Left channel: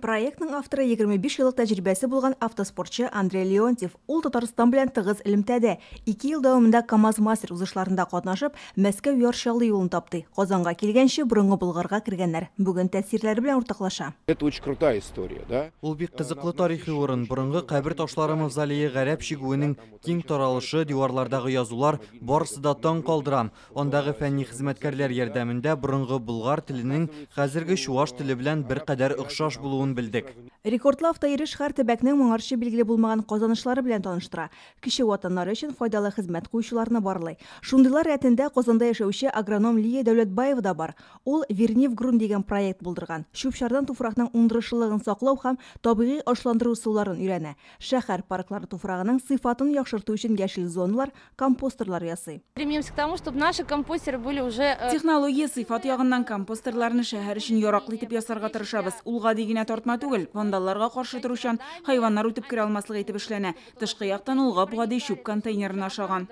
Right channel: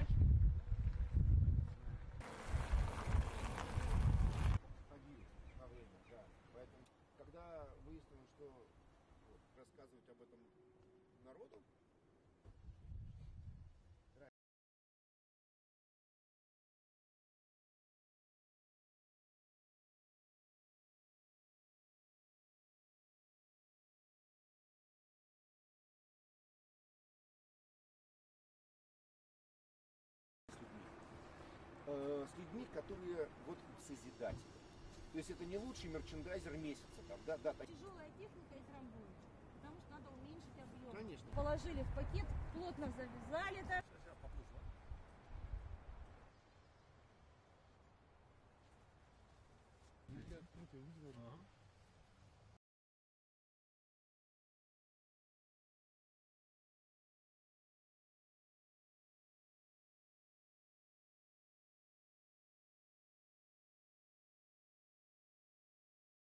Проектның авторы 25 жылдық тәжірибесі болған автоспортшы Андрей Леонтьев. Ул Татарстан белән тыгыз элемтәдә. 2 ел дәвамында КамАЗ мастер узышларында катнашып, Мәскәү ярышлы юлын тапты. Казанга килгәнче борынгы Болгарга кергәннәр. Бүген тәэсирләре белән уртаклаша. Это очень крутая история, да? Ул бик кызыклы тарихи урын. Борынгы кабер ташлары мавзолее гарәп шигүенең киң таралышы, диварлардагы язулар барысы да таң калдыра. Андагы фәнни хезмәткәрләр ярдәмендә борынгы болгар теленең хәзерге чуаш теле белән беркадәр охшаш булуын белдек. Рекордлы автойрыш һәр төбәкнең моңарчы билгеле булмаган казанышлары белән таныштыра. Кеше ватаннары өчен файдалы хезмәт куючыларны барлый. Шундыйлар рәтендә Казанда яшәүче агроном Лия Дәүләтбаева да бар. Ул Вернив грунт дигән проект булдырган. Чүп-чардан туфракның уңдырышлыгын саклау һәм табигый ашландыру усулларын өйрәнә. Шәһәр парклары туфрагының сыйфатын яхшырту өчен яшел зоналар, компостерлар ясый. Стремимся к тому, чтобы наши компостеры были уже... Технология сыйфат ягыннан компостерларны шәһәр өчен яраклы итеп ясарга тырышабыз. Улга дигенә тартма түгел, вандалларга каршы торучан хайваннар үтеп керә алмаслык итеп эшләнә. Тышкы яктан улга гади чүп контейнерына ашаган.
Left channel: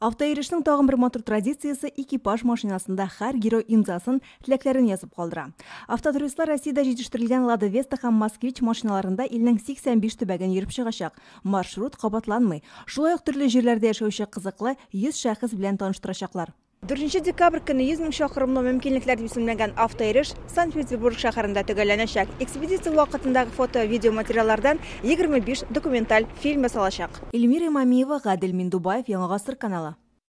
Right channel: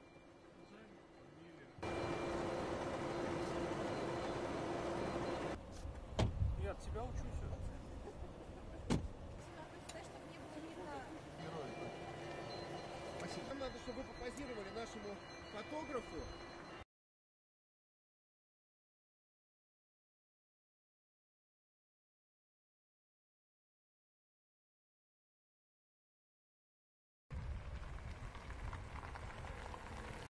Автойрышның тагын бер матур традициясе экипаж машинасында һәр герой имзасын, теләкләрен язып калдыра. Автотуристлар Россиядә җитештерелгән Lada Vesta һәм Москвич машиналарында илнең 85 төбәген йөреп чыгачак. Маршрут кабатланмый. Шулай ук төрле җирләрдә яшәүче кызыклы 100 шәхес белән таныштырачаклар. 4 декабрь көне 100 000 шақырымлы мөмкинлекләр дип исемләнгән автойрыш Санкт-Петербург шәһәрендә төгәлләнәчәк. Экспедиция вакытындагы фото-видео материаллардан 25 документаль фильм ясалачак. Эльмира Имамиева, Гадел Миндубаев, Яңа гасыр каналы.